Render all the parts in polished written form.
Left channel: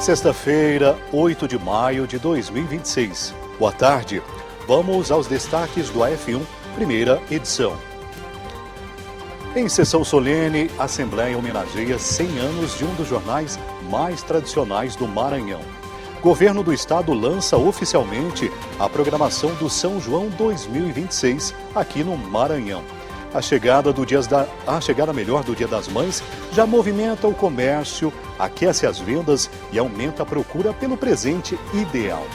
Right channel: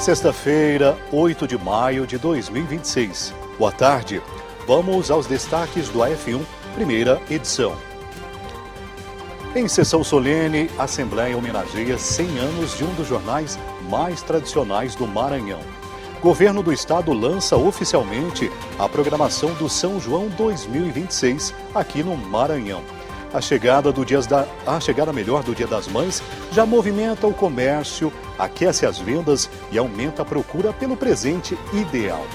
Sexta-feira, 8 de maio de 2026. Boa tarde. Vamos aos destaques do AF1, primeira edição. Em sessão solene, a Assembleia homenageia 100 anos de um dos jornais mais tradicionais do Maranhão. Governo do Estado lança oficialmente a programação do São João 2026 aqui no Maranhão. A chegada do Dia das Mães já movimenta o comércio, aquece as vendas e aumenta a procura pelo presente ideal.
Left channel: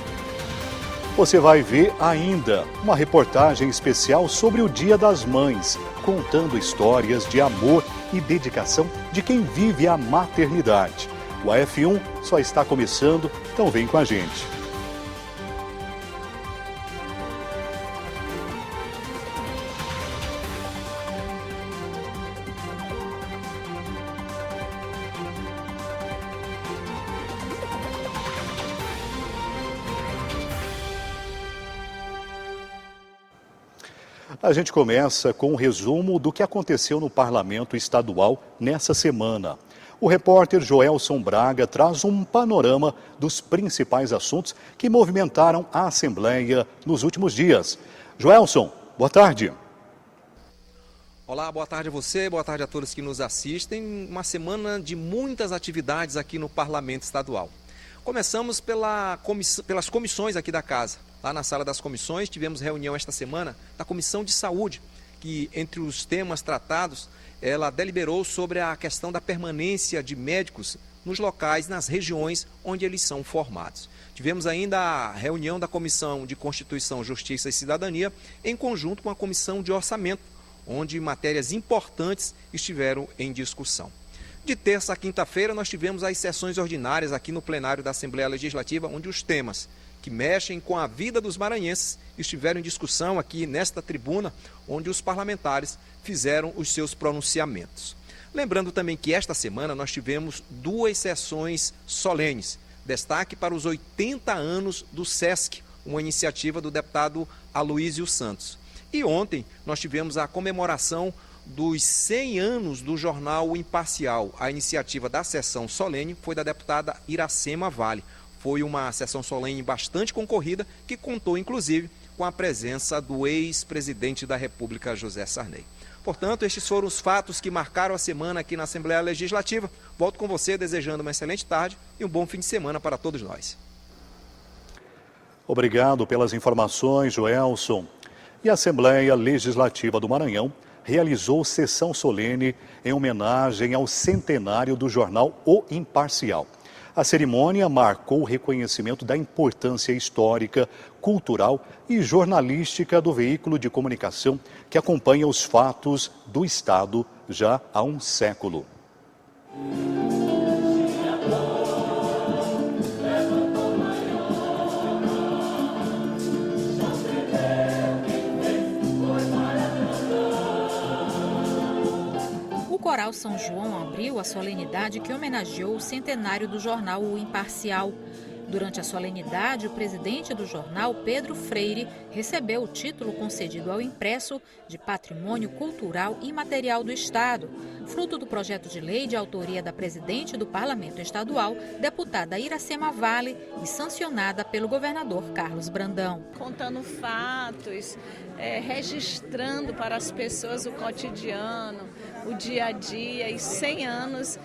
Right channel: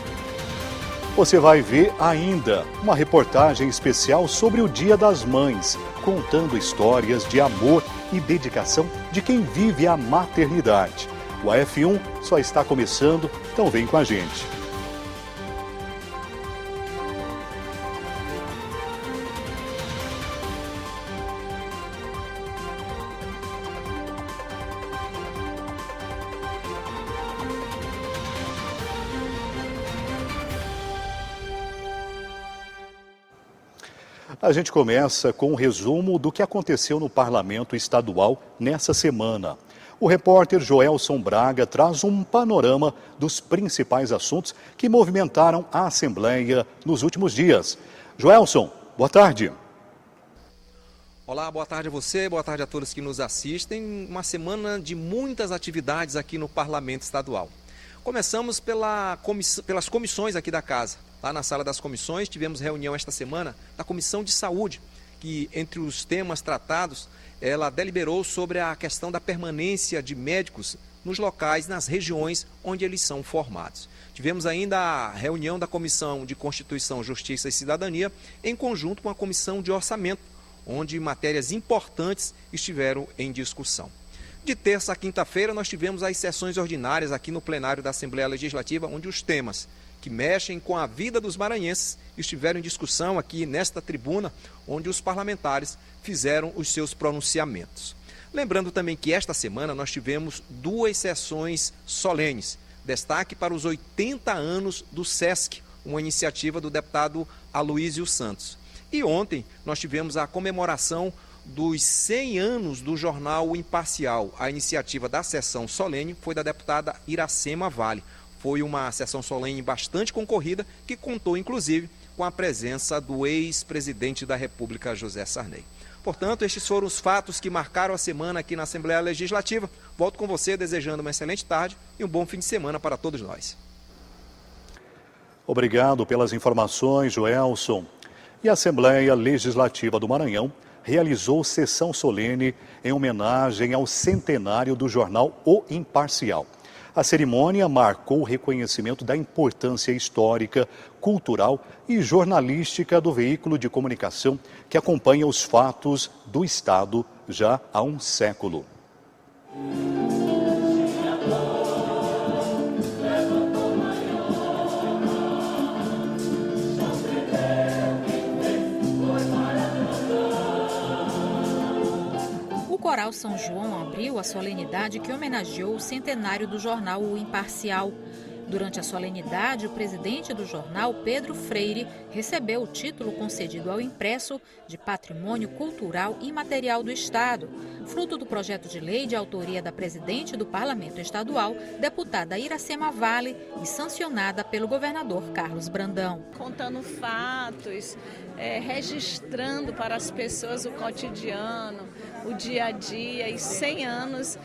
Você vai ver ainda uma reportagem especial sobre o Dia das Mães, contando histórias de amor e dedicação de quem vive a maternidade. O AF1 só está começando, então vem com a gente. A gente começa com um resumo do que aconteceu no Parlamento Estadual nessa semana. O repórter Joelson Braga traz um panorama dos principais assuntos que movimentaram a Assembleia nos últimos dias. Joelson, boa tarde. Olá, boa tarde a você, boa tarde a todos que nos assistem. Uma semana de muitas atividades aqui no Parlamento Estadual. Começamos pelas comissões aqui da Casa. Lá na sala das comissões, tivemos reunião esta semana da Comissão de Saúde, que entre os temas tratados, ela deliberou sobre a questão da permanência de médicos nos locais, nas regiões onde eles são formados. Tivemos ainda a reunião da Comissão de Constituição, Justiça e Cidadania, em conjunto com a Comissão de Orçamento, onde matérias importantes estiveram em discussão. De terça a quinta-feira, nós tivemos as sessões ordinárias aqui no plenário da Assembleia Legislativa, onde os temas que mexem com a vida dos maranhenses estiveram em discussão aqui nesta tribuna, onde os parlamentares fizeram os seus pronunciamentos. Lembrando também que esta semana nós tivemos 2 sessões solenes. Destaque para os 80 anos do SESC, uma iniciativa do deputado Aloísio Santos. E ontem nós tivemos a comemoração dos 100 anos do jornal O Imparcial. A iniciativa da sessão solene foi da deputada Iracema Vale. Foi uma sessão solene bastante concorrida, que contou, inclusive, com a presença do ex-presidente da República, José Sarney. Portanto, estes foram os fatos que marcaram a semana aqui na Assembleia Legislativa. Volto com você desejando uma excelente tarde e um bom fim de semana para todos nós. Obrigado pelas informações, Joelson. E a Assembleia Legislativa do Maranhão realizou sessão solene em homenagem ao centenário do jornal O Imparcial. A cerimônia marcou o reconhecimento da importância histórica, cultural e jornalística do veículo de comunicação que acompanha os fatos do Estado já há um século. O Coral São João abriu a solenidade que homenageou o centenário do jornal O Imparcial. Durante a solenidade, o presidente do jornal, Pedro Freire, recebeu o título concedido ao impresso de Patrimônio Cultural e Material do Estado, fruto do projeto de lei de autoria da presidente do Parlamento Estadual, deputada Iracema Vale, e sancionada pelo governador Carlos Brandão. Contando fatos, registrando para as pessoas o cotidiano, o dia a dia, e 100 anos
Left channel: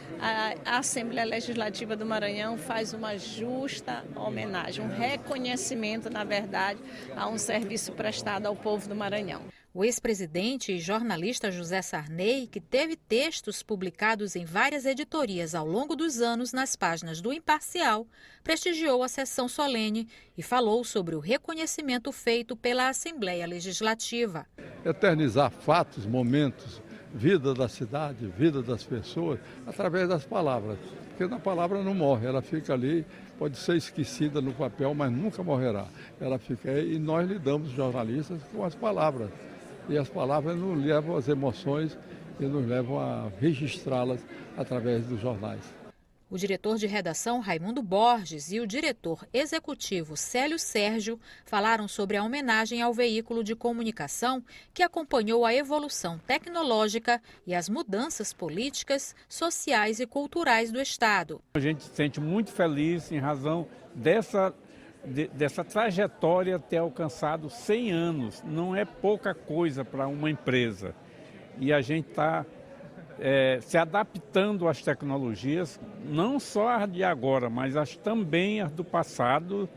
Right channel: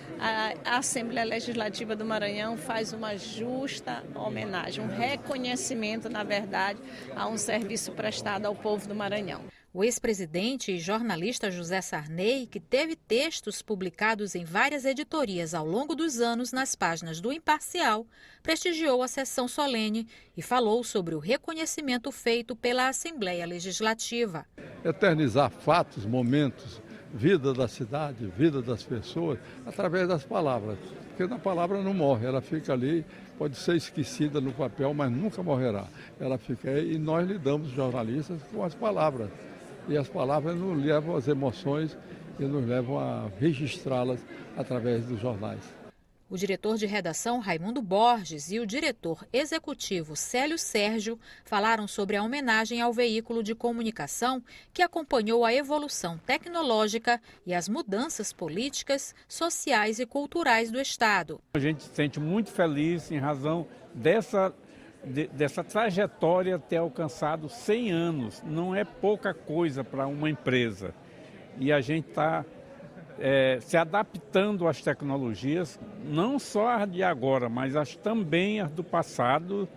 a Assembleia Legislativa do Maranhão faz uma justa homenagem, um reconhecimento, na verdade, a um serviço prestado ao povo do Maranhão. O ex-presidente e jornalista José Sarney, que teve textos publicados em várias editorias ao longo dos anos nas páginas do Imparcial, prestigiou a sessão solene e falou sobre o reconhecimento feito pela Assembleia Legislativa. Eternizar fatos, momentos, vida da cidade, vida das pessoas, através das palavras. Porque a palavra não morre, ela fica ali, pode ser esquecida no papel, mas nunca morrerá. Ela fica aí e nós lidamos, jornalistas, com as palavras. E as palavras nos levam às emoções e nos levam a registrá-las através dos jornais. O diretor de redação Raimundo Borges e o diretor executivo Célio Sérgio falaram sobre a homenagem ao veículo de comunicação que acompanhou a evolução tecnológica e as mudanças políticas, sociais e culturais do Estado. A gente se sente muito feliz em razão dessa trajetória ter alcançado 100 anos. Não é pouca coisa para uma empresa. E a gente está se adaptando às tecnologias, não só as de agora, mas também as do passado,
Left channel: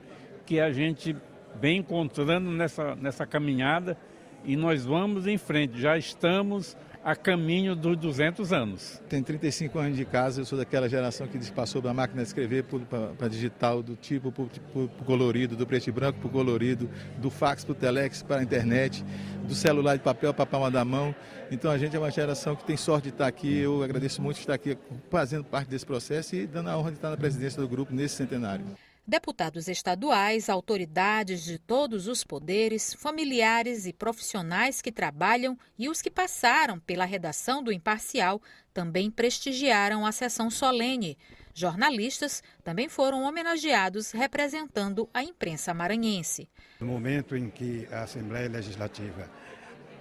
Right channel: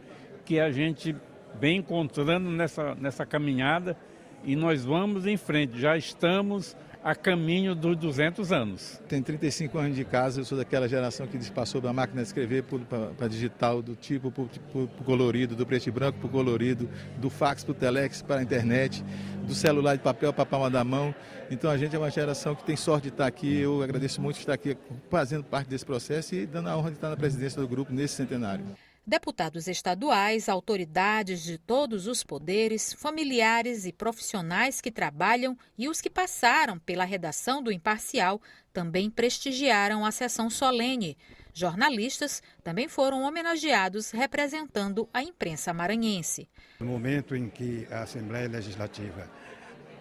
que a gente vem encontrando nessa caminhada, e nós vamos em frente, já estamos a caminho dos 200 anos. Tenho 35 anos de casa, eu sou daquela geração que passou da máquina de escrever para digital, do tipo para o colorido, do preto e branco para o colorido, do fax para o telex para a internet, do celular de papel para a palma da mão. Então a gente é uma geração que tem sorte de estar aqui. Eu agradeço muito estar aqui fazendo parte desse processo e dando a honra de estar na presidência do grupo nesse centenário. Deputados estaduais, autoridades de todos os poderes, familiares e profissionais que trabalham e os que passaram pela redação do Imparcial também prestigiaram a sessão solene. Jornalistas também foram homenageados representando a imprensa maranhense. No momento em que a Assembleia Legislativa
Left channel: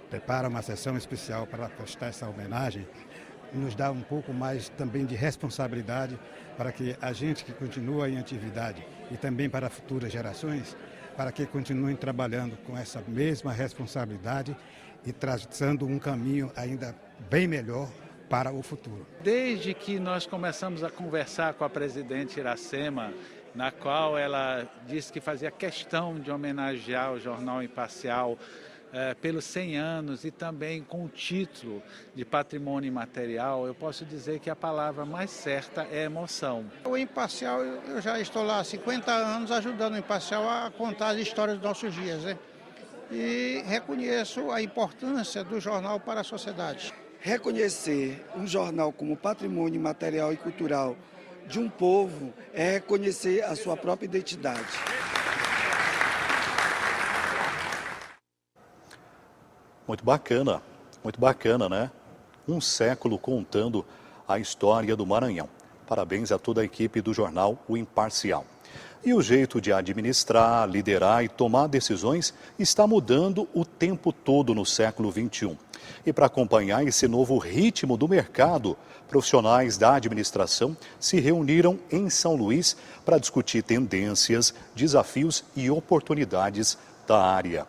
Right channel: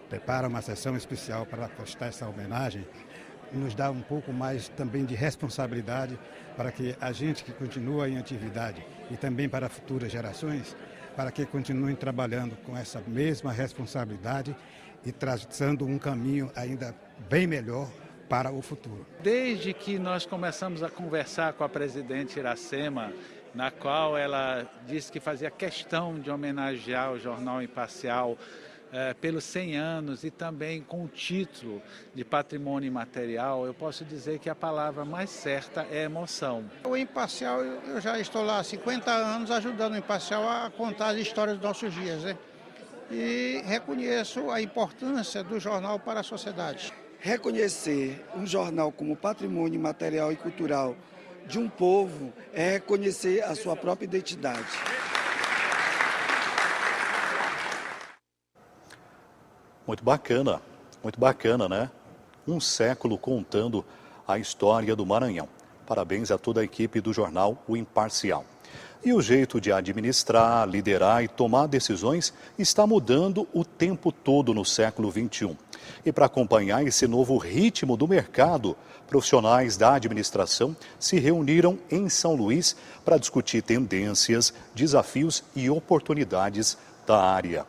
prepara uma sessão especial para prestar essa homenagem, nos dá um pouco mais também de responsabilidade para que a gente que continua em atividade e também para futuras gerações, para que continuem trabalhando com essa mesma responsabilidade e traçando um caminho ainda bem melhor para o futuro. Desde que nós começamos a conversar com a presidente Iracema, na qual ela disse que fazia questão de homenagear o Jornal Imparcial pelos 100 anos e também com o título de patrimônio imaterial, eu posso dizer que a palavra mais certa é emoção. O Imparcial, eu já estou lá há 50 anos ajudando o Imparcial a contar as histórias dos nossos dias, né? E reconheço a importância do jornal para a sociedade. Reconhecer um jornal como patrimônio material e cultural de um povo é reconhecer a sua própria identidade. Muito bacana, né? Um século contando a história do Maranhão. Parabéns a toda a equipe do jornal O Imparcial. E o jeito de administrar, liderar e tomar decisões está mudando o tempo todo no século XXI. E para acompanhar esse novo ritmo do mercado, profissionais da administração se reuniram em São Luís para discutir tendências, desafios e oportunidades da área.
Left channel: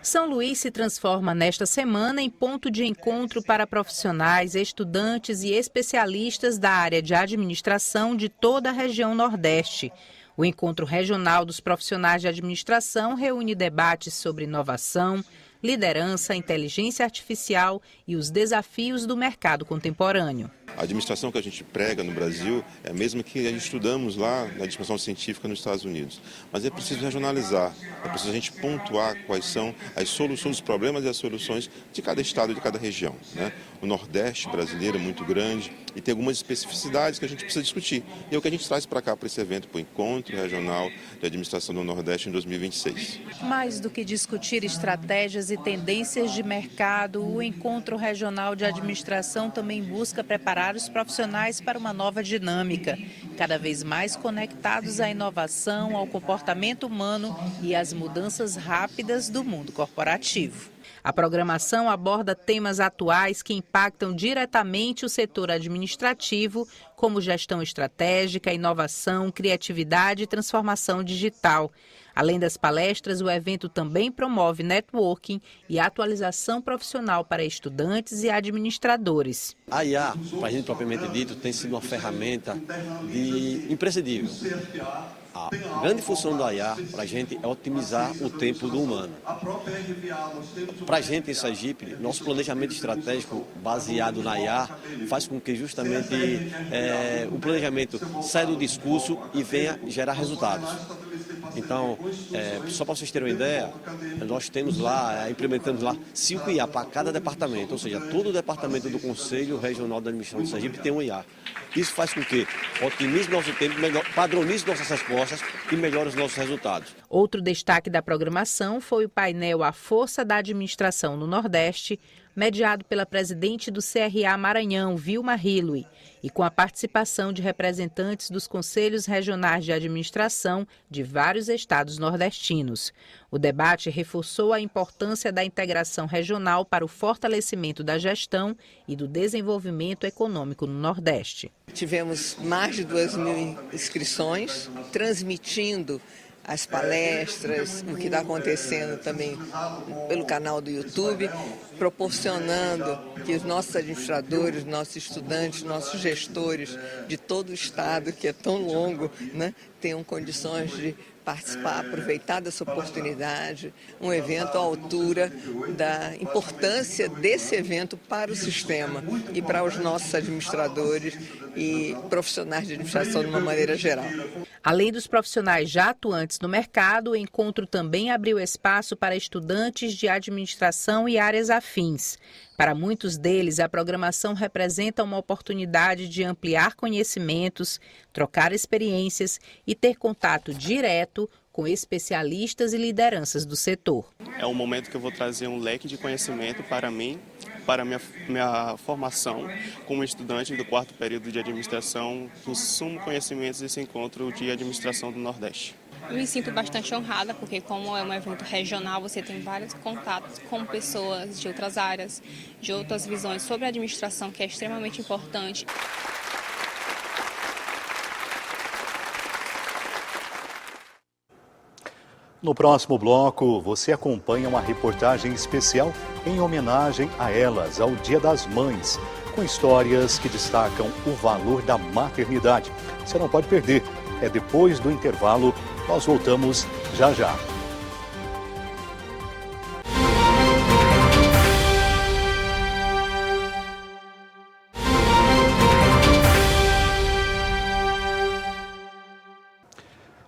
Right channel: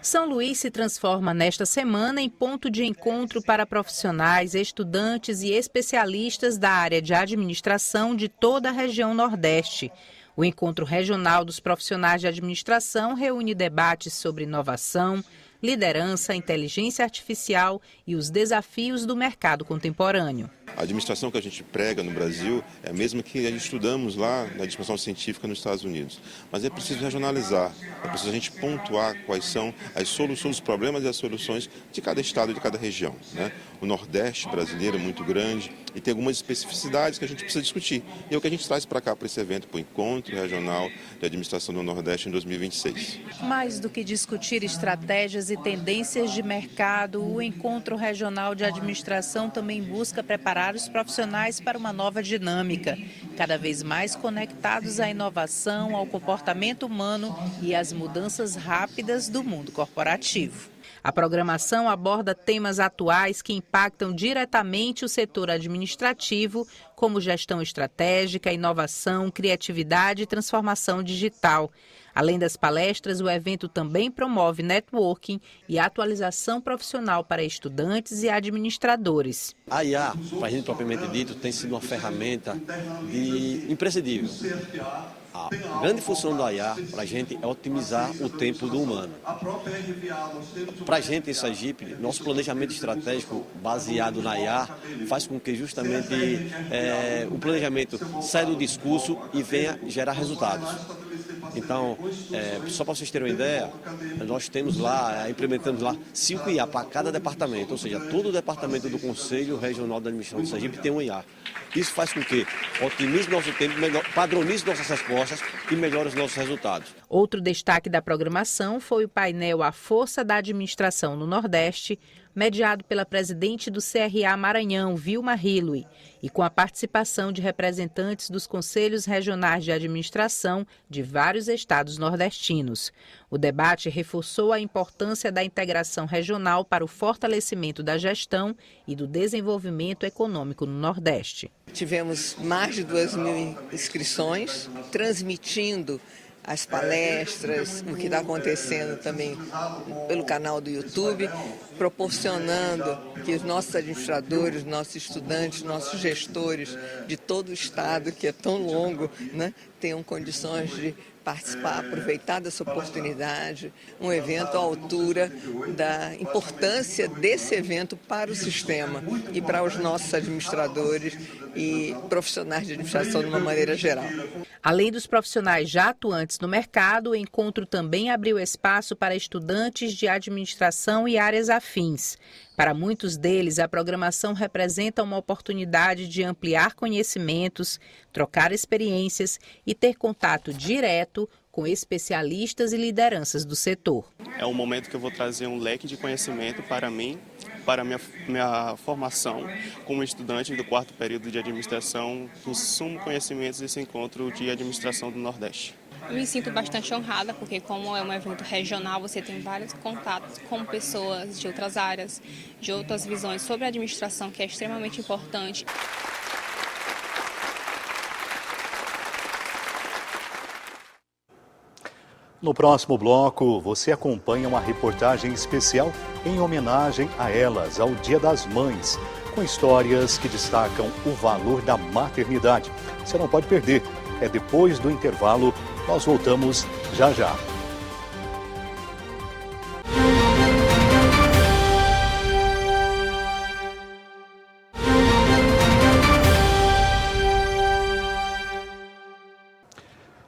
São Luís se transforma nesta semana em ponto de encontro para profissionais, estudantes e especialistas da área de administração de toda a região Nordeste. O Encontro Regional dos Profissionais de Administração reúne debates sobre inovação, liderança, inteligência artificial e os desafios do mercado contemporâneo. A administração que a gente prega no Brasil é a mesma que estudamos lá na administração científica nos Estados Unidos. Mas é preciso regionalizar, é preciso a gente pontuar quais são as soluções, os problemas e as soluções de cada estado e de cada região, né? O Nordeste brasileiro é muito grande e tem algumas especificidades que a gente precisa discutir. E é o que a gente traz para cá, para esse evento, para o Encontro Regional de Administração do Nordeste em 2026. Mais do que discutir estratégias e tendências de mercado, o Encontro Regional de Administração também busca preparar os profissionais para uma nova dinâmica, cada vez mais conectados à inovação, ao comportamento humano e às mudanças rápidas do mundo corporativo. A programação aborda temas atuais que impactam diretamente o setor administrativo, como gestão estratégica, inovação, criatividade e transformação digital. Além das palestras, o evento também promove networking e atualização profissional para estudantes e administradores. A IA, para a gente propriamente dito, tem sido uma ferramenta imprescindível. A grande função da IA para a gente é otimizar o tempo do humano. Para a gente em Sergipe, nosso planejamento estratégico baseado na IA faz com que justamente o planejamento saia do discurso e venha gerar resultados. Então, só para vocês terem uma ideia, nós temos lá, implementamos lá 5 IA para cada departamento, ou seja, todo o departamento do Conselho Regional da Administração de Sergipe tem uma IA. Isso faz com que otimize nosso tempo, padronize nossas respostas e melhore os nossos resultados. Outro destaque da programação foi o painel A Força da Administração no Nordeste, mediado pela presidente do CRA Maranhão, Vilma Rilui, e com a participação de representantes dos conselhos regionais de administração de vários estados nordestinos. O debate reforçou a importância da integração regional para o fortalecimento da gestão e do desenvolvimento econômico no Nordeste. Tivemos mais de 2.000 inscrições, transmitindo as palestras, o que está acontecendo também pelo canal do YouTube, proporcionando que os nossos administradores, nossos estudantes, nossos gestores de todo o estado, que é tão longo, né, tenham condições de participar, aproveitar dessa oportunidade, um evento à altura da importância desse evento para o sistema e para os nossos administradores e profissionais de administração de uma maneira geral. Além dos profissionais já atuantes no mercado, o encontro também abriu espaço para estudantes de administração e áreas afins. Para muitos deles, a programação representa uma oportunidade de ampliar conhecimentos, trocar experiências e ter contato direto com especialistas e lideranças do setor. É um momento que eu vou trazer um leque de conhecimento para mim, para minha formação como estudante do 4º período de administração, que sumo conhecimentos desse encontro de administração do Nordeste. Eu me sinto bastante honrada, porque como é um evento regional, você tem vários contatos com pessoas de outras áreas, de outras visões sobre a administração, que é extremamente importante. No próximo bloco, você acompanha uma reportagem especial em homenagem a elas, ao Dia das Mães, com histórias que destacam o valor da maternidade. Você não pode perder. É depois do intervalo. Nós voltamos já já.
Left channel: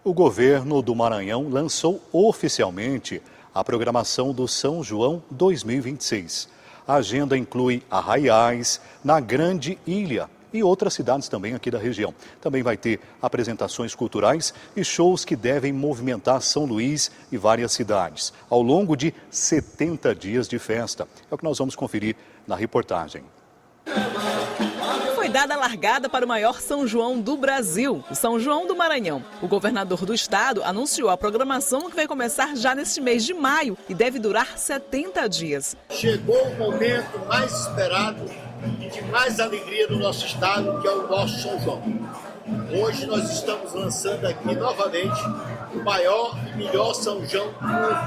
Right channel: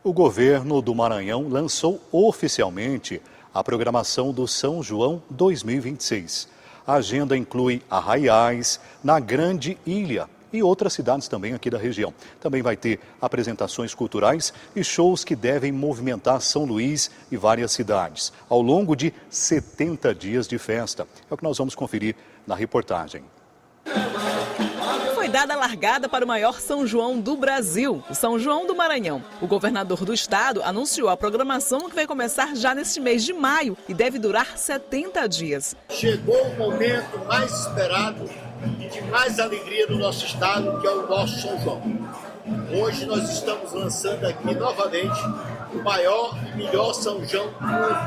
O governo do Maranhão lançou oficialmente a programação do São João 2026. A agenda inclui arraiais na Grande Ilha e outras cidades também aqui da região. Também vai ter apresentações culturais e shows que devem movimentar São Luís e várias cidades, ao longo de 70 dias de festa. É o que nós vamos conferir na reportagem. Foi dada a largada para o maior São João do Brasil, o São João do Maranhão. O governador do estado anunciou a programação que vai começar já neste mês de maio e deve durar 70 dias. Chegou o momento mais esperado e de mais alegria no nosso estado, que é o nosso São João. Hoje nós estamos lançando aqui novamente o maior e melhor São João do mundo.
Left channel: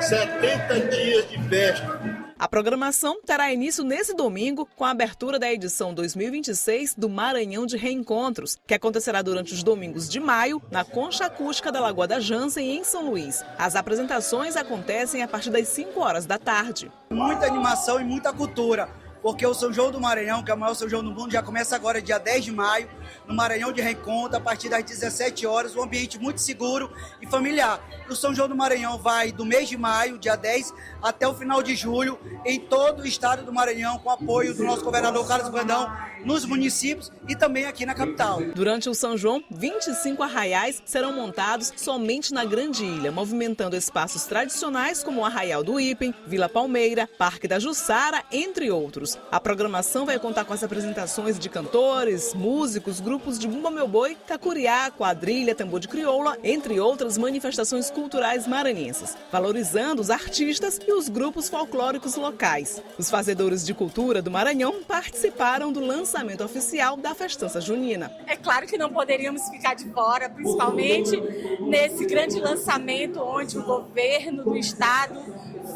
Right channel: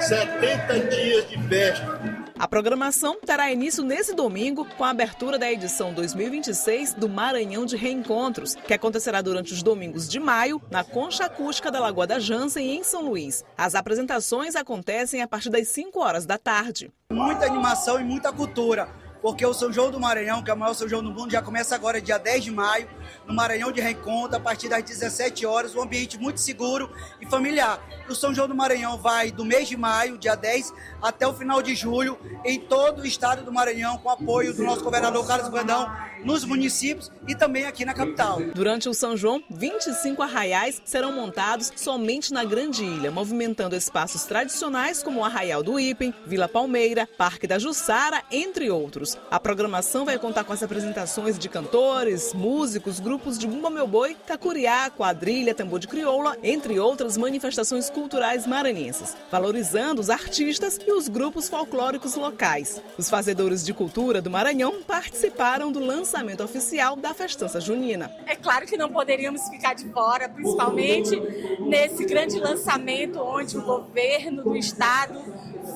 70 dias de festa. A programação terá início nesse domingo com a abertura da edição 2026 do Maranhão de Reencontros, que acontecerá durante os domingos de maio, na Concha Acústica da Lagoa da Jansen e em São Luís. As apresentações acontecem a partir das 5 horas da tarde. Muita animação e muita cultura, porque o São João do Maranhão, que é o maior São João do mundo, já começa agora, dia 10 de maio, no Maranhão de Reencontro, a partir das 17 horas, um ambiente muito seguro e familiar. O São João do Maranhão vai do mês de maio, dia 10, até o final de julho, em todo o estado do Maranhão, com apoio do nosso governador Carlos Brandão, nos municípios e também aqui na capital. Durante o São João, 25 arraiais serão montados somente na Grande Ilha, movimentando espaços tradicionais como o Arraial do Ipem, Vila Palmeira, Parque da Jussara, entre outros. A programação vai contar com as apresentações de cantores, músicos, grupos de Bumba Meu Boi, Cacuriá, quadrilha, tambor de crioula, entre outras manifestações culturais maranhenses, valorizando os artistas e os grupos folclóricos locais. Os fazedores de cultura do Maranhão participaram do lançamento oficial da festança junina. É claro que não poderíamos ficar de fora, principalmente nesse grande lançamento onde o governo do estado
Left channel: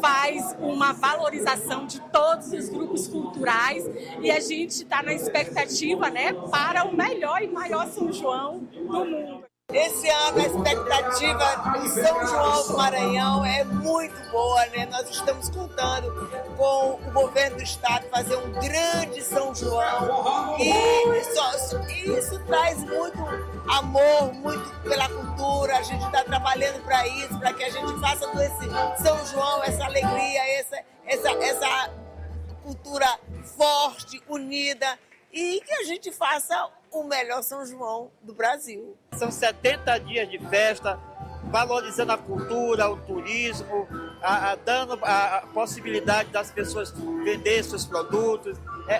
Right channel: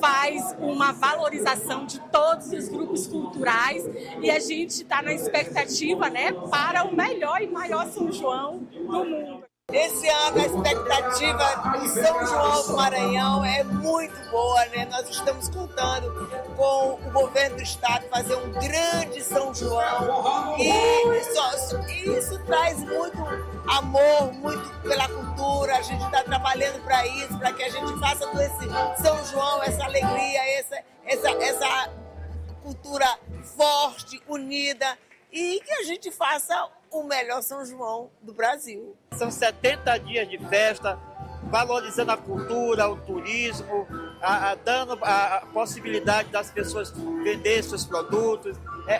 faz uma valorização de todos os grupos culturais e a gente está na expectativa, né, para o melhor e maior São João do mundo. Esse ano a expectativa de São João do Maranhão é muito boa, né? Nós estamos contando com o governo do estado fazer um grande São João e isso traz muito amor, muito pela cultura. A gente está trabalhando para isso, para que a gente faça desse São João essa alegria, essa cultura forte, unida e que a gente faça o melhor São João do Brasil. São 70 dias de festa, valorizando a cultura, o turismo, dando a possibilidade das pessoas vender seus produtos,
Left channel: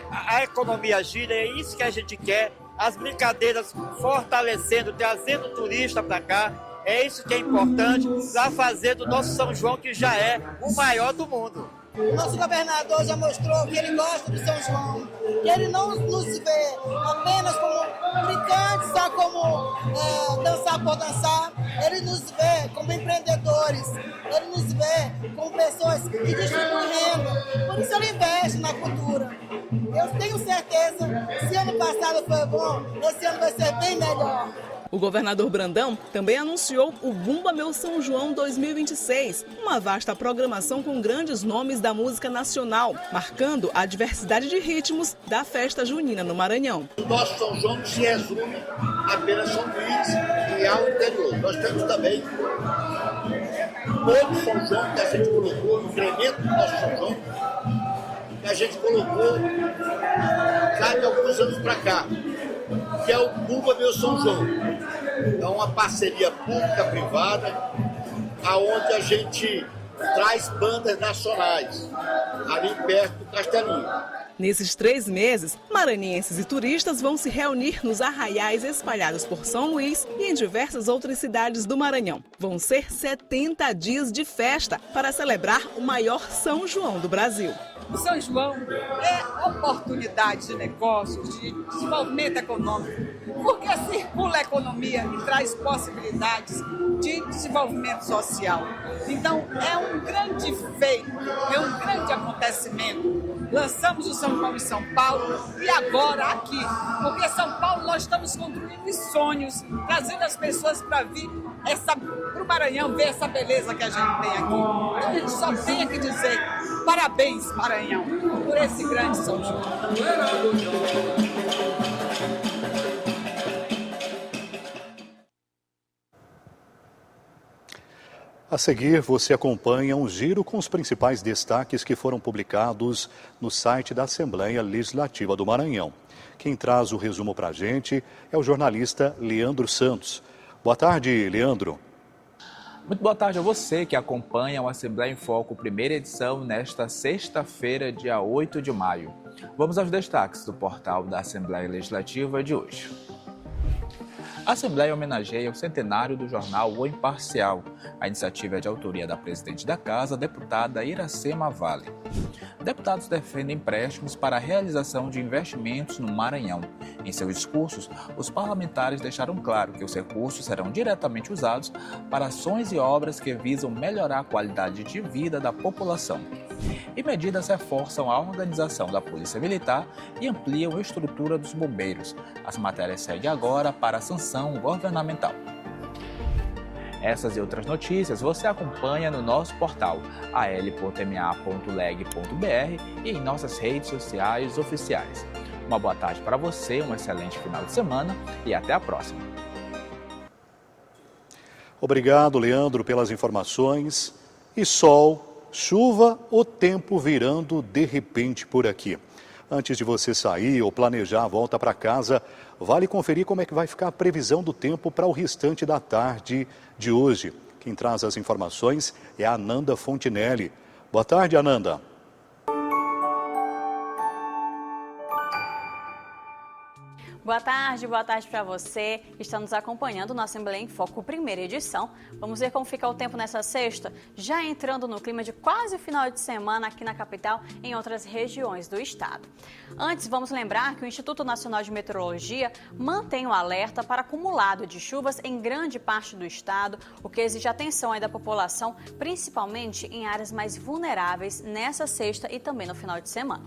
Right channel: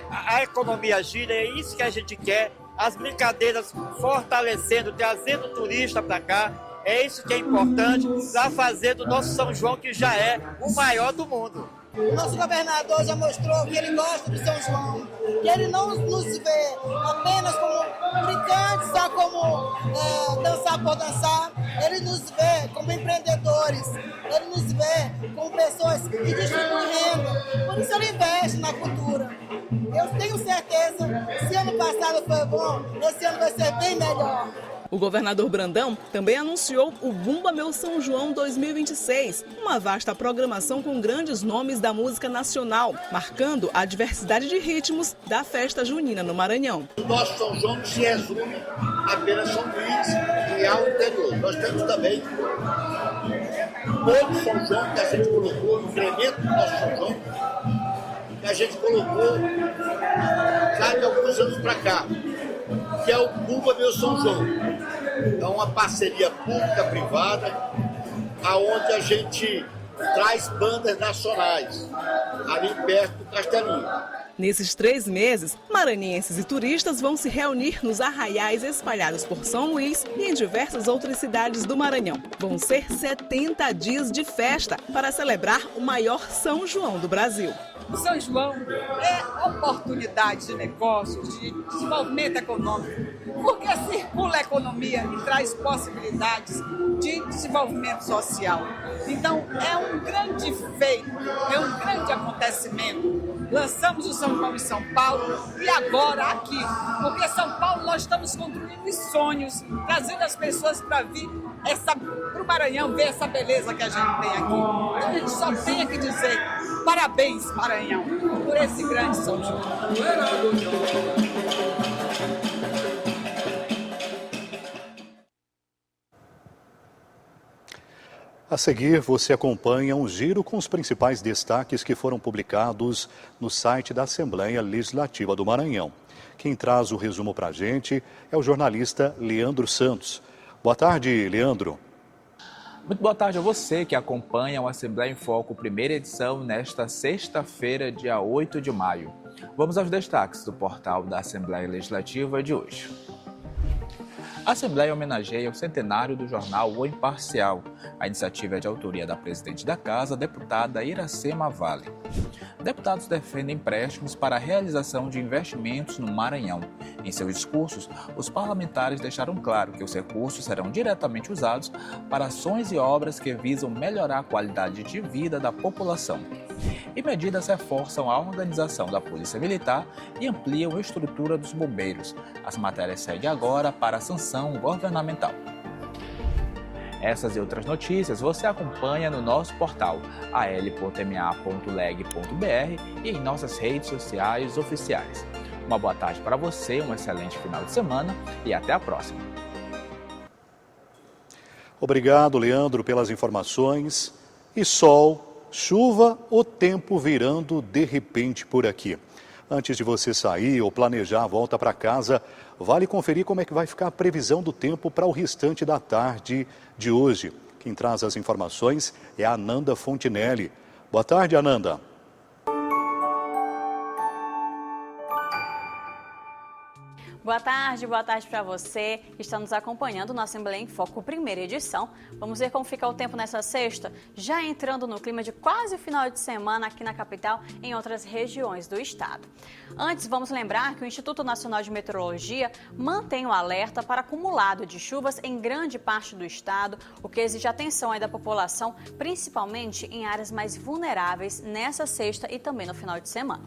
a economia gira, é isso que a gente quer, as brincadeiras fortalecendo, trazendo turista para cá, é isso que é importante para fazer do nosso São João, que já é o maior do mundo. Nosso governador já mostrou que ele gosta do São João, que ele não nos vê apenas como brincantes, só como dançar por dançar, ele nos vê como empreendedores, ele nos vê como pessoas que distribuem renda, por isso ele investe na cultura. Eu tenho certeza, se ano passado foi bom, esse ano vai ser bem melhor. O governador Brandão também anunciou o Bumba Meu São João 2026, uma vasta programação com grandes nomes da música nacional, marcando a diversidade de ritmos da festa junina no Maranhão. O nosso São João não se resume apenas São Luís e ao interior. Nós temos também todo São João que a gente colocou, o incremento do nosso São João, que a gente colocou já de alguns anos para cá, que é o Bumba Meu São João. É uma parceria pública-privada, aonde a gente traz bandas nacionais, ali perto do Castelinho. Nesses 3 meses, maranhenses e turistas vão se reunir nos arraiais espalhados por São Luís e em diversas outras cidades do Maranhão. Vão ser 70 dias de festa para celebrar o maior São João do Brasil. O São João é oportunidade de negócios, de desenvolvimento econômico, porque circula a economia e traz possibilidades de desenvolvimento social. Então, é um grande feito, é um grande acontecimento. Lançamos o São João em São Paulo e agora aqui, porque São Paulo nós estamos construindo os sonhos, trazendo as pessoas para vir para o Maranhão ver essa beleza que a gente tem aqui. Então a gente só tem que dizer parabéns, Maranhão, por esse grande São João. A seguir, você acompanha um giro com os principais destaques que foram publicados no site da Assembleia Legislativa do Maranhão. Quem traz o resumo para a gente é o jornalista Leandro Santos. Boa tarde, Leandro. Muito boa tarde a você que acompanha o Assembleia em Foco, primeira edição, nesta sexta-feira, dia 8 de maio. Vamos aos destaques do portal da Assembleia Legislativa de hoje. A Assembleia homenageia o centenário do jornal O Imparcial. A iniciativa é de autoria da presidente da Casa, deputada Iracema Vale. Deputados defendem empréstimos para a realização de investimentos no Maranhão. Em seus discursos, os parlamentares deixaram claro que os recursos serão diretamente usados para ações e obras que visam melhorar a qualidade de vida da população. E medidas reforçam a organização da Polícia Militar e ampliam a estrutura dos bombeiros. As matérias seguem agora para a sanção governamental. Essas e outras notícias você acompanha no nosso portal al.ma.leg.br e em nossas redes sociais oficiais. Uma boa tarde para você, um excelente final de semana e até a próxima. Obrigado, Leandro, pelas informações. E sol, chuva, o tempo virando de repente por aqui. Antes de você sair ou planejar a volta para casa, vale conferir como é que vai ficar a previsão do tempo para o restante da tarde de hoje. Quem traz as informações é a Ananda Fontinelli. Boa tarde, Ananda. Boa tarde para você. Estamos acompanhando na Assembleia em Foco, primeira edição. Vamos ver como fica o tempo nessa sexta, já entrando no clima de quase final de semana aqui na capital e em outras regiões do estado. Antes, vamos lembrar que o Instituto Nacional de Meteorologia mantém um alerta para acumulado de chuvas em grande parte do estado, o que exige atenção aí da população, principalmente em áreas mais vulneráveis nessa sexta e também no final de semana.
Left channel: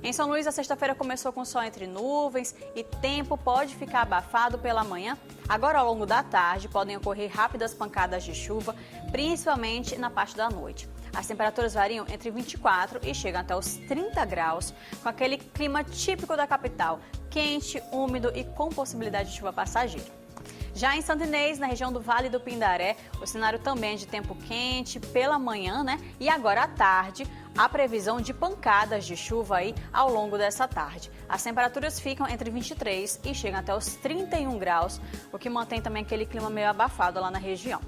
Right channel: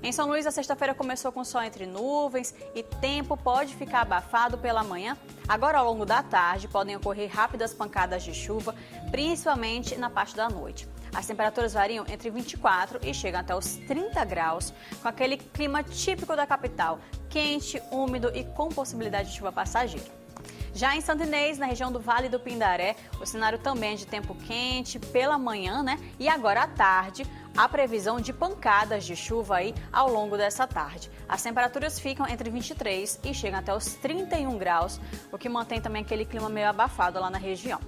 Em São Luís, a sexta-feira começou com sol entre nuvens e tempo pode ficar abafado pela manhã. Agora, ao longo da tarde, podem ocorrer rápidas pancadas de chuva, principalmente na parte da noite. As temperaturas variam entre 24 e chegam até os 30 graus, com aquele clima típico da capital, quente, úmido e com possibilidade de chuva passageira. Já em Santo Inês, na região do Vale do Pindaré, o cenário também é de tempo quente pela manhã, E agora à tarde, a previsão de pancadas de chuva aí ao longo dessa tarde. As temperaturas ficam entre 23 e chegam até os 31 graus, o que mantém também aquele clima meio abafado lá na região.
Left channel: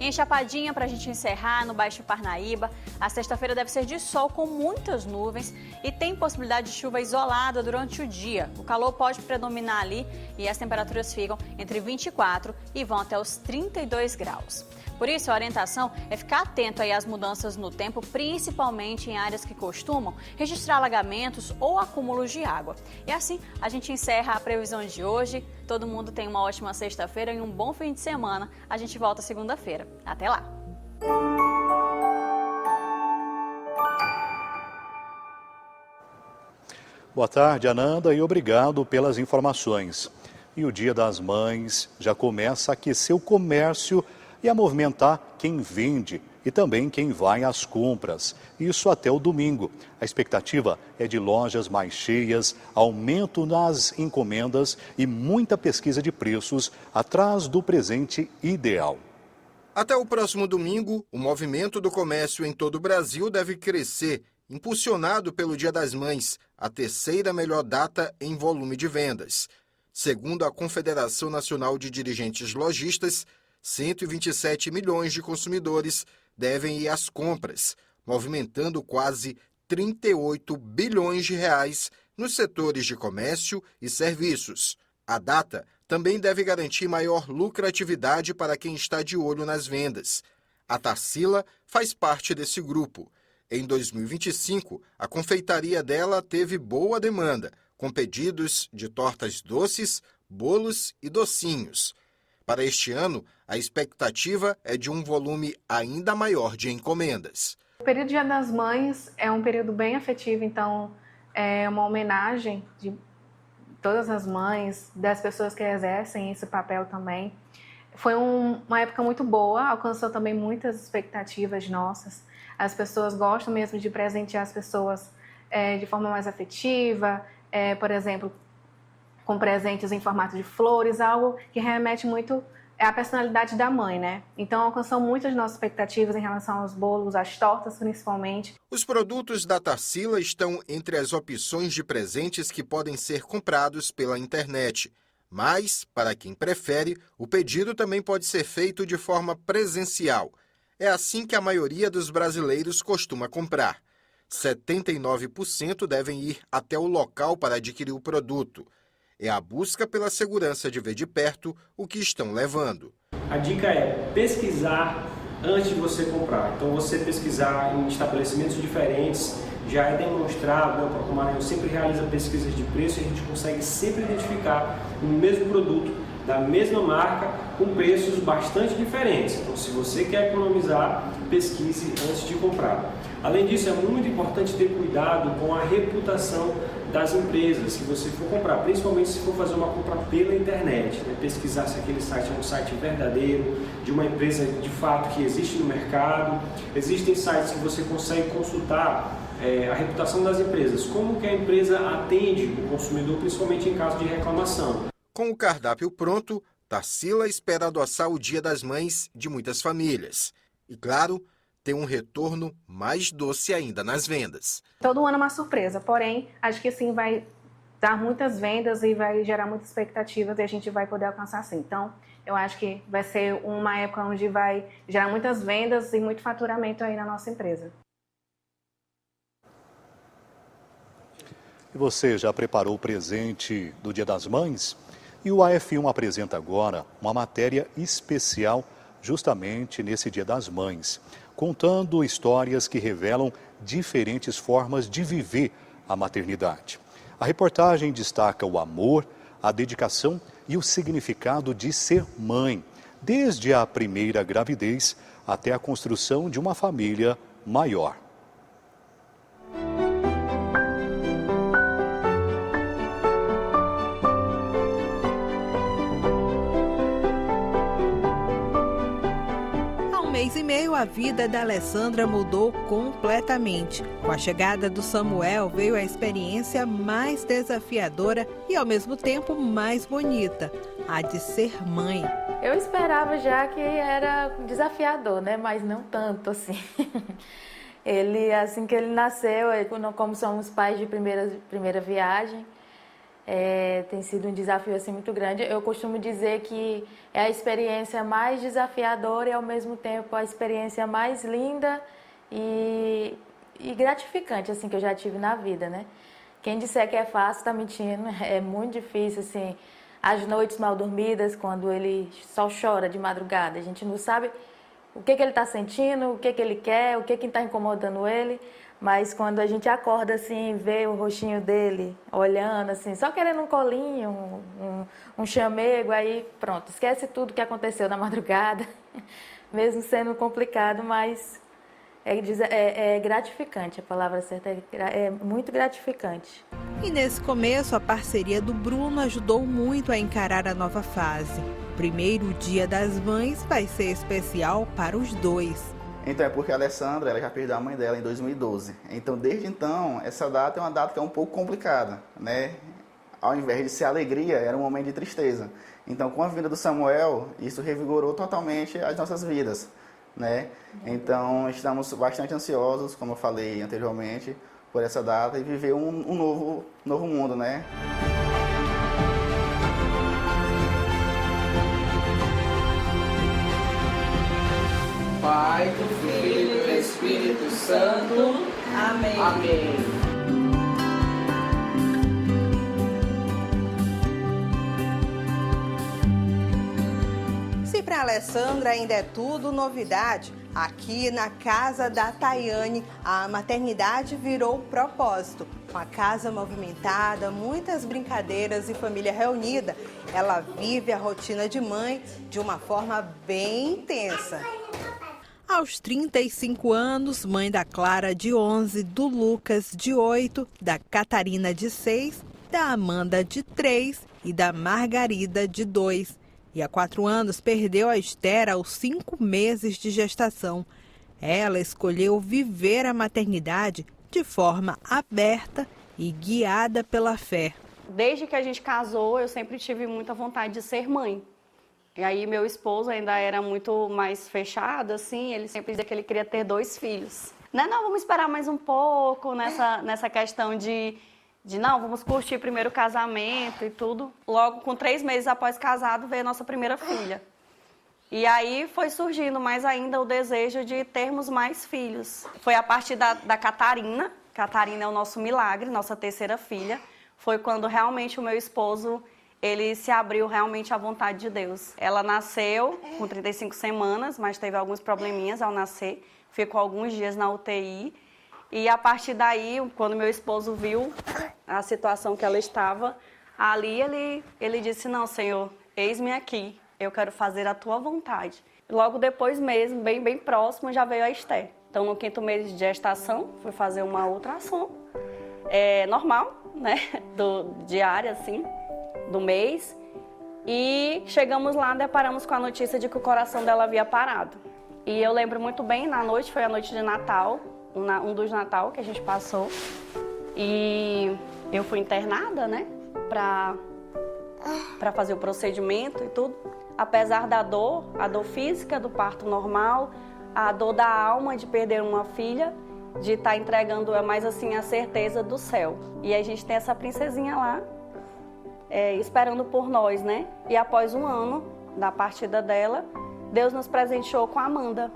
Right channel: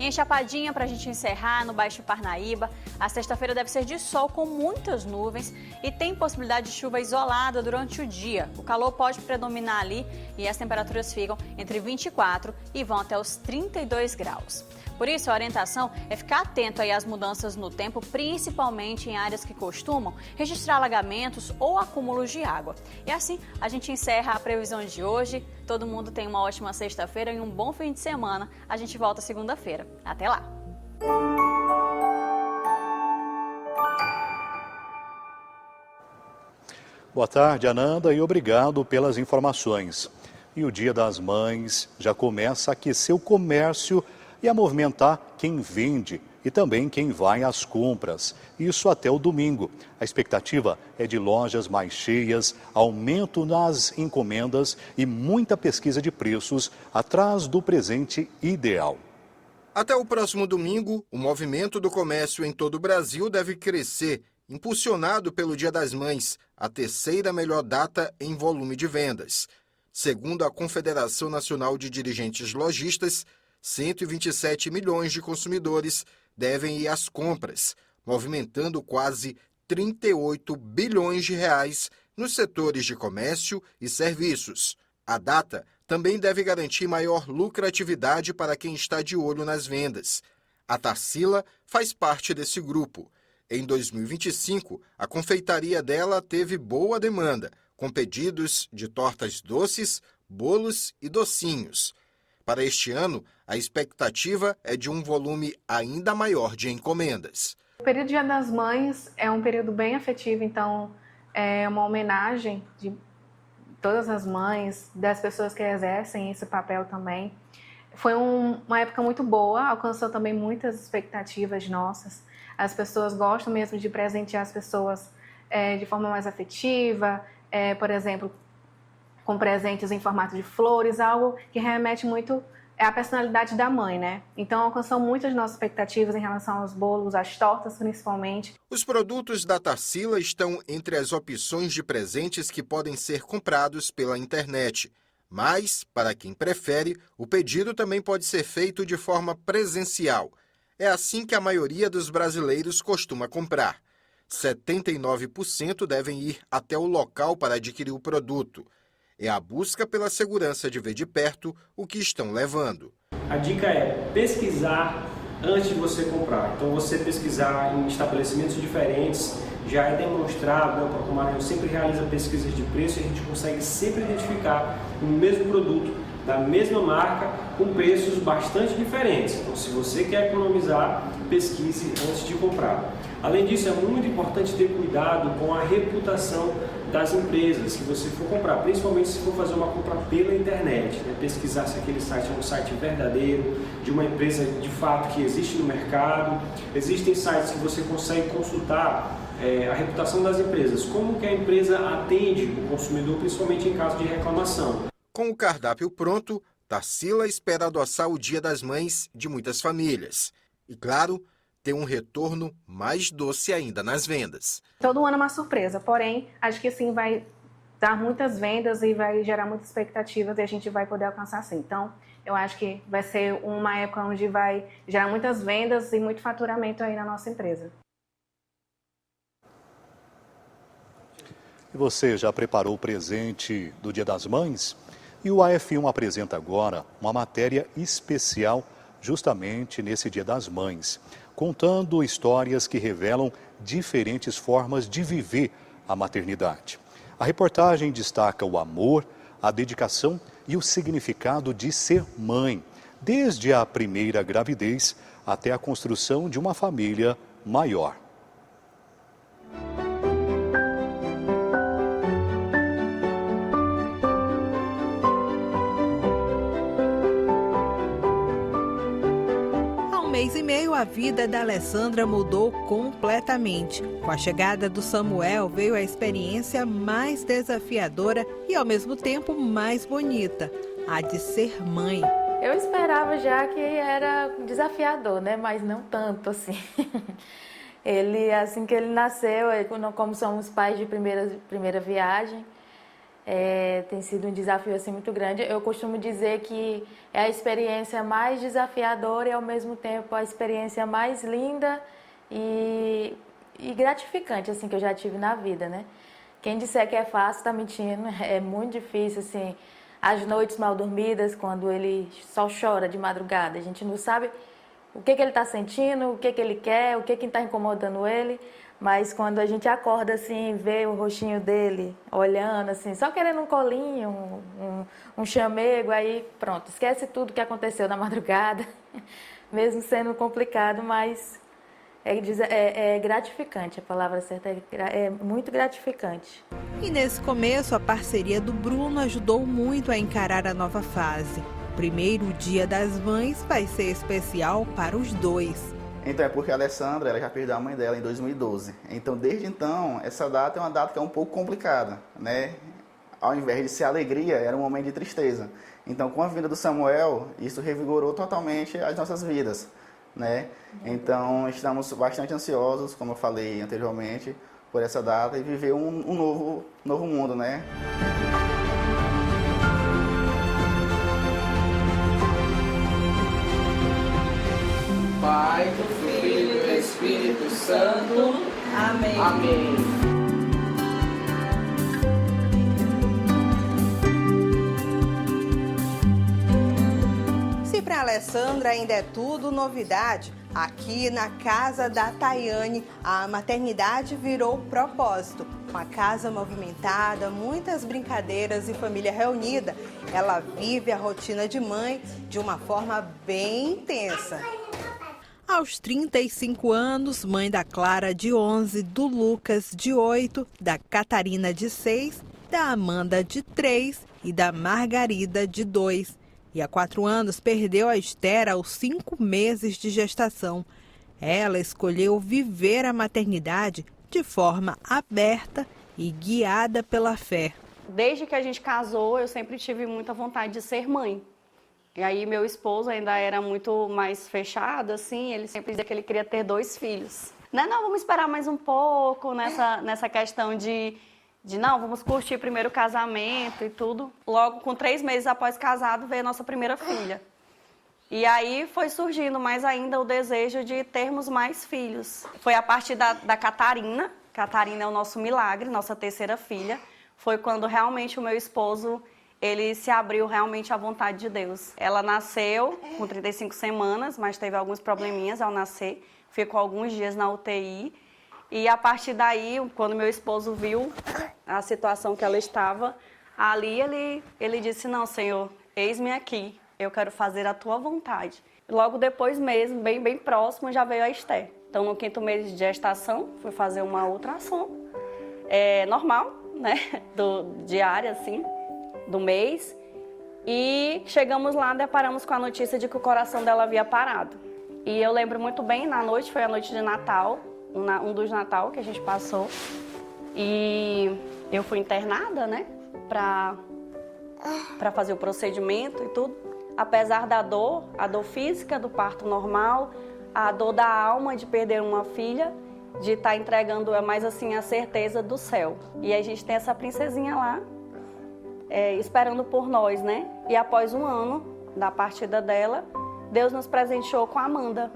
E em Chapadinha, para a gente encerrar, no Baixo Parnaíba, a sexta-feira deve ser de sol com muitas nuvens e tem possibilidade de chuva isolada durante o dia. O calor pode predominar ali e as temperaturas ficam entre 24 e vão até os 32 graus. Por isso, a orientação é ficar atento aí às mudanças no tempo, principalmente em áreas que costumam registrar alagamentos ou acúmulos de água. E assim, a gente encerra a previsão de hoje. Todo mundo tem uma ótima sexta-feira e um bom fim de semana. A gente volta segunda-feira. Até lá! Boa tarde, Ananda, e obrigado pelas informações. E o Dia das Mães já começa a aquecer o comércio e a movimentar quem vende e também quem vai às compras. Isso até o domingo. A expectativa é de lojas mais cheias, aumento nas encomendas e muita pesquisa de preços atrás do presente ideal. Até o próximo domingo, o movimento do comércio em todo o Brasil deve crescer, impulsionado pelo Dia das Mães, a terceira melhor data em volume de vendas. Segundo a Confederação Nacional de Dirigentes Lojistas, 127 milhões de consumidores devem ir às compras, movimentando quase 38 bilhões de reais nos setores de comércio e serviços. A data também deve garantir maior lucratividade para quem está de olho nas vendas. A Tarsila faz parte desse grupo. Em 2025, a confeitaria dela teve boa demanda, com pedidos de tortas doces, bolos e docinhos. Para este ano, a expectativa é de um volume ainda maior de encomendas. O período Dia das Mães é um período bem afetivo, então é uma homenagem de todas as mães, das pessoas que exercem esse papel também. Foi uma época muito boa, alcançou também muitas expectativas nossas. As pessoas gostam mesmo de presentear as pessoas de forma mais afetiva, por exemplo, com presentes em formato de flores, algo que remete muito à personalidade da mãe, né? Então, alcançou muitas nossas expectativas em relação aos bolos, às tortas, principalmente. Os produtos da Tarsila estão entre as opções de presentes que podem ser comprados pela internet. Mas, para quem prefere, o pedido também pode ser feito de forma presencial. É assim que a maioria dos brasileiros costuma comprar. 79% devem ir até o local para adquirir o produto. É a busca pela segurança de ver de perto o que estão levando. A dica é pesquisar antes de você comprar. Então, você pesquisar em estabelecimentos diferentes, já é demonstrado, o Porto Maranhão sempre realiza pesquisas de preço e a gente consegue sempre identificar o mesmo produto, da mesma marca, com preços bastante diferentes. Então, se você quer economizar, pesquise antes de comprar. Além disso, é muito importante ter cuidado com a reputação das empresas que você for comprar, principalmente se for fazer uma compra pela internet, né? Pesquisar se aquele site é um site verdadeiro, de uma empresa de fato que existe no mercado. Existem sites que você consegue consultar a reputação das empresas, como que a empresa atende o consumidor, principalmente em caso de reclamação. Com o cardápio pronto, Tarsila espera adoçar o Dia das Mães de muitas famílias. E claro, ter um retorno mais doce ainda nas vendas. Todo ano é uma surpresa, porém, acho que sim vai dar muitas vendas e vai gerar muitas expectativas e a gente vai poder alcançar sim. Então, eu acho que vai ser uma época onde vai gerar muitas vendas e muito faturamento aí na nossa empresa. E você já preparou o presente do Dia das Mães? E o AF1 apresenta agora uma matéria especial justamente nesse Dia das Mães, contando histórias que revelam diferentes formas de viver a maternidade. A reportagem destaca o amor, a dedicação e o significado de ser mãe, desde a primeira gravidez até a construção de uma família maior. A vida da Alessandra mudou completamente. Com a chegada do Samuel veio a experiência mais desafiadora e ao mesmo tempo mais bonita, a de ser mãe. Eu esperava já que era desafiador, né? Mas não tanto assim. Ele, assim que ele nasceu, como somos pais de primeira viagem, Tem sido um desafio assim, muito grande. Eu costumo dizer que é a experiência mais desafiadora e, ao mesmo tempo, a experiência mais linda e gratificante assim, que eu já tive na vida, né? Quem disser que é fácil está mentindo. É muito difícil, assim, as noites mal dormidas, quando ele só chora de madrugada. A gente não sabe o que ele está sentindo, o que ele quer, o que está incomodando ele. Mas quando a gente acorda assim, vê o rostinho dele olhando assim, só querendo um colinho, um chamego, aí pronto, esquece tudo que aconteceu na madrugada, mesmo sendo complicado, mas é gratificante, a palavra certa é muito gratificante. E nesse começo, a parceria do Bruno ajudou muito a encarar a nova fase. O primeiro Dia das Mães vai ser especial para os dois. Então é porque a Alessandra ela já perdeu a mãe dela em 2012. Então, desde então, essa data é uma data que é um pouco complicada, né? Ao invés de ser alegria, era um momento de tristeza. Então, com a vinda do Samuel, isso revigorou totalmente as nossas vidas, né? Então, estamos bastante ansiosos, como eu falei anteriormente, por essa data e viver um novo mundo, né? Pai, do Filho e do Espírito Santo. Amém. Amém. Se para Alessandra ainda é tudo novidade, aqui na casa da Tayane, a maternidade virou propósito. Com a casa movimentada, muitas brincadeiras e família reunida, ela vive a rotina de mãe de uma forma bem intensa. Aos 35 anos, mãe da Clara, de 11, do Lucas, de 8, da Catarina, de 6, da Amanda, de 3 e da Margarida, de 2. E há 4 anos perdeu a Esther aos 5 meses de gestação. Ela escolheu viver a maternidade de forma aberta e guiada pela fé. Desde que a gente casou, eu sempre tive muita vontade de ser mãe. E aí meu esposo ainda era muito mais fechado, assim, ele sempre dizia que ele queria ter 2 filhos. Não, vamos esperar mais um pouco nessa questão de não, vamos curtir primeiro o casamento e tudo. Logo, com 3 meses após casado, veio a nossa primeira filha. E aí foi surgindo mais ainda o desejo de termos mais filhos. Foi a partir da Catarina. Catarina é o nosso milagre, nossa terceira filha. Foi quando realmente o meu esposo, ele se abriu realmente à vontade de Deus. Ela nasceu com 35 semanas, mas teve alguns probleminhas ao nascer. Ficou alguns dias na UTI. E a partir daí, quando meu esposo viu a situação que ela estava, ali ele disse, não, Senhor, eis-me aqui, eu quero fazer a tua vontade. Logo depois mesmo, bem próximo, já veio a Esther. Então, no 5º mês de gestação, fui fazer uma ultrassom, normal, né, diária, assim, do mês. E chegamos lá, deparamos com a notícia de que o coração dela havia parado. E eu lembro muito bem, na noite, foi a noite de Natal, um dos Natal que a gente passou. E eu fui internada, né, pra fazer o procedimento e tudo. Apesar da dor, a dor física do parto normal, a dor da alma de perder uma filha, de estar entregando mais assim a certeza do céu. E a gente tem essa princesinha lá, esperando por nós, né? E após 1 ano da partida dela, Deus nos presenteou com a Amanda,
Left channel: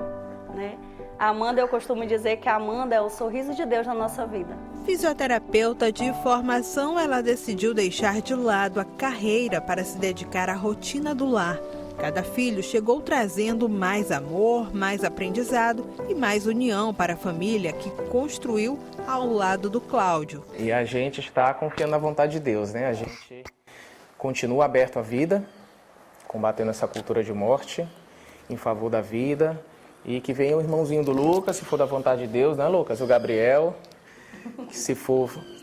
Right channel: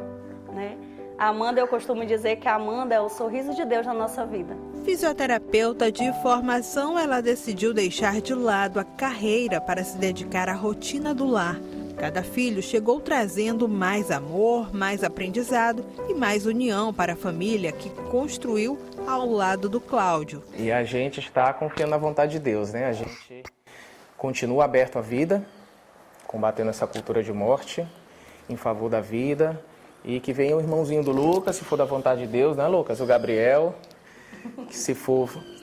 né? A Amanda, eu costumo dizer que a Amanda é o sorriso de Deus na nossa vida. Fisioterapeuta de formação, ela decidiu deixar de lado a carreira para se dedicar à rotina do lar. Cada filho chegou trazendo mais amor, mais aprendizado e mais união para a família que construiu ao lado do Cláudio. E a gente está confiando na vontade de Deus, né? A gente continua aberto à vida, combatendo essa cultura de morte, em favor da vida. E que venha o irmãozinho do Lucas, se for da vontade de Deus, né, Lucas? O Gabriel. Que se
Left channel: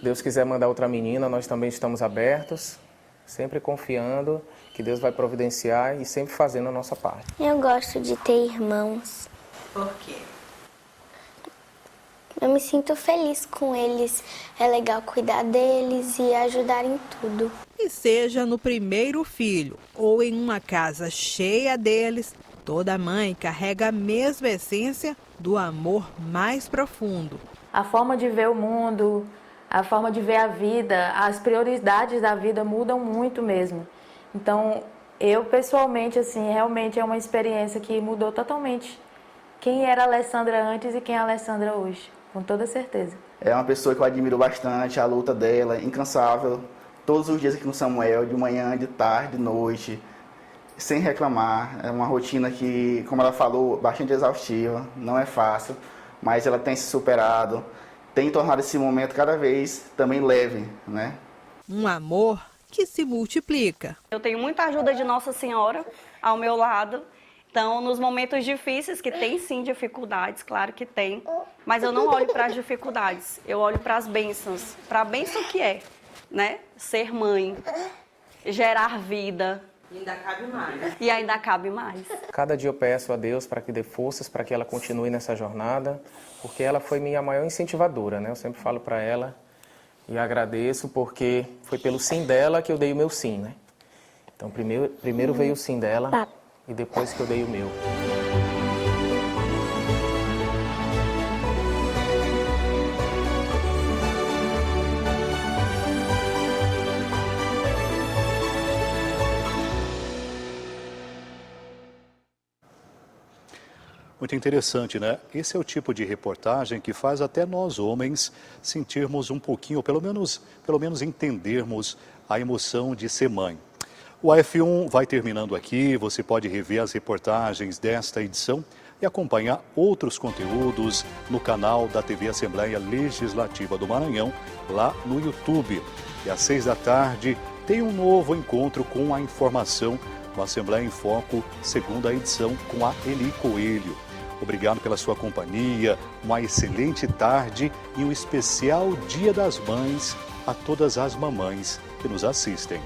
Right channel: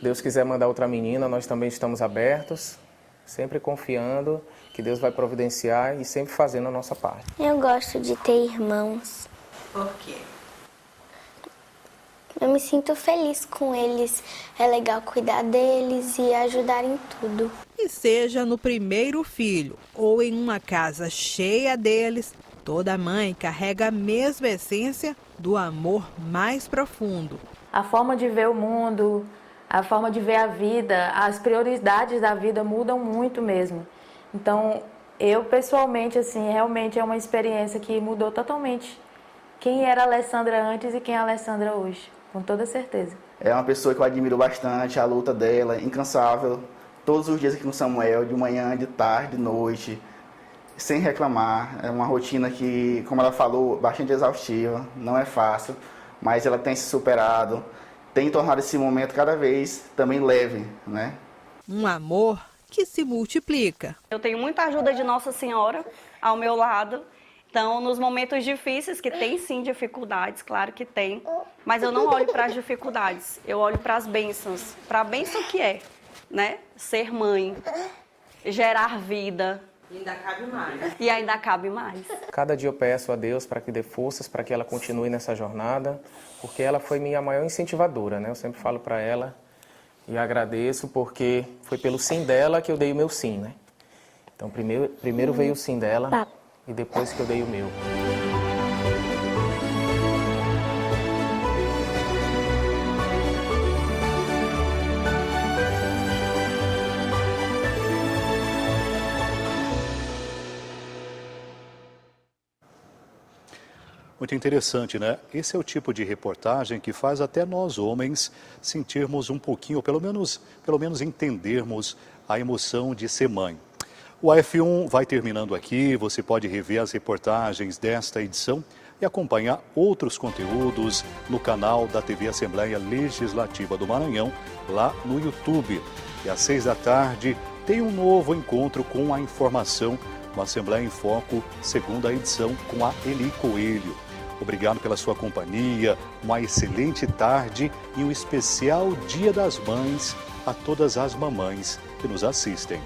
Deus quiser mandar outra menina, nós também estamos abertos, sempre confiando que Deus vai providenciar e sempre fazendo a nossa parte. Eu gosto de ter irmãos. Por quê? Eu me sinto feliz com eles. É legal cuidar deles e ajudar em tudo. E seja no primeiro filho ou em uma casa cheia deles, toda mãe carrega a mesma essência do amor mais profundo. A forma de ver o mundo, a forma de ver a vida, as prioridades da vida mudam muito mesmo. Então, eu pessoalmente, assim, realmente é uma experiência que mudou totalmente quem era a Alessandra antes e quem é a Alessandra hoje, com toda certeza. É uma pessoa que eu admiro bastante, a luta dela, incansável, todos os dias aqui no Samuel, de manhã, de tarde, de noite, sem reclamar. É uma rotina que, como ela falou, bastante exaustiva, não é fácil, mas ela tem se superado, tem tornado esse momento cada vez também leve, né? Um amor que se multiplica. Eu tenho muita ajuda de Nossa Senhora ao meu lado. Então, nos momentos difíceis, que tem sim dificuldades, claro que tem, mas eu não olho para as dificuldades, eu olho para as bênçãos, para a bênção que é, né? Ser mãe, gerar vida. E ainda cabe mais. E ainda cabe mais. Cada dia eu peço a Deus para que dê forças, para que ela continue nessa jornada, porque ela foi minha maior incentivadora, né? Eu sempre falo para ela e agradeço porque foi pelo sim dela que eu dei o meu sim, né? Então, primeiro veio o sim dela e depois que eu dei o meu. Muito interessante, né? Esse é o tipo de reportagem que faz até nós homens sentirmos um pouquinho, pelo menos entendermos a emoção de ser mãe. O F1 vai terminando aqui, você pode rever as reportagens desta edição e acompanhar outros conteúdos no canal da TV Assembleia Legislativa do Maranhão, lá no YouTube. E às 6 da tarde tem um novo encontro com a informação no Assembleia em Foco, segunda edição, com a Eli Coelho. Obrigado pela sua companhia, uma excelente tarde e um especial Dia das Mães a todas as mamães que nos assistem.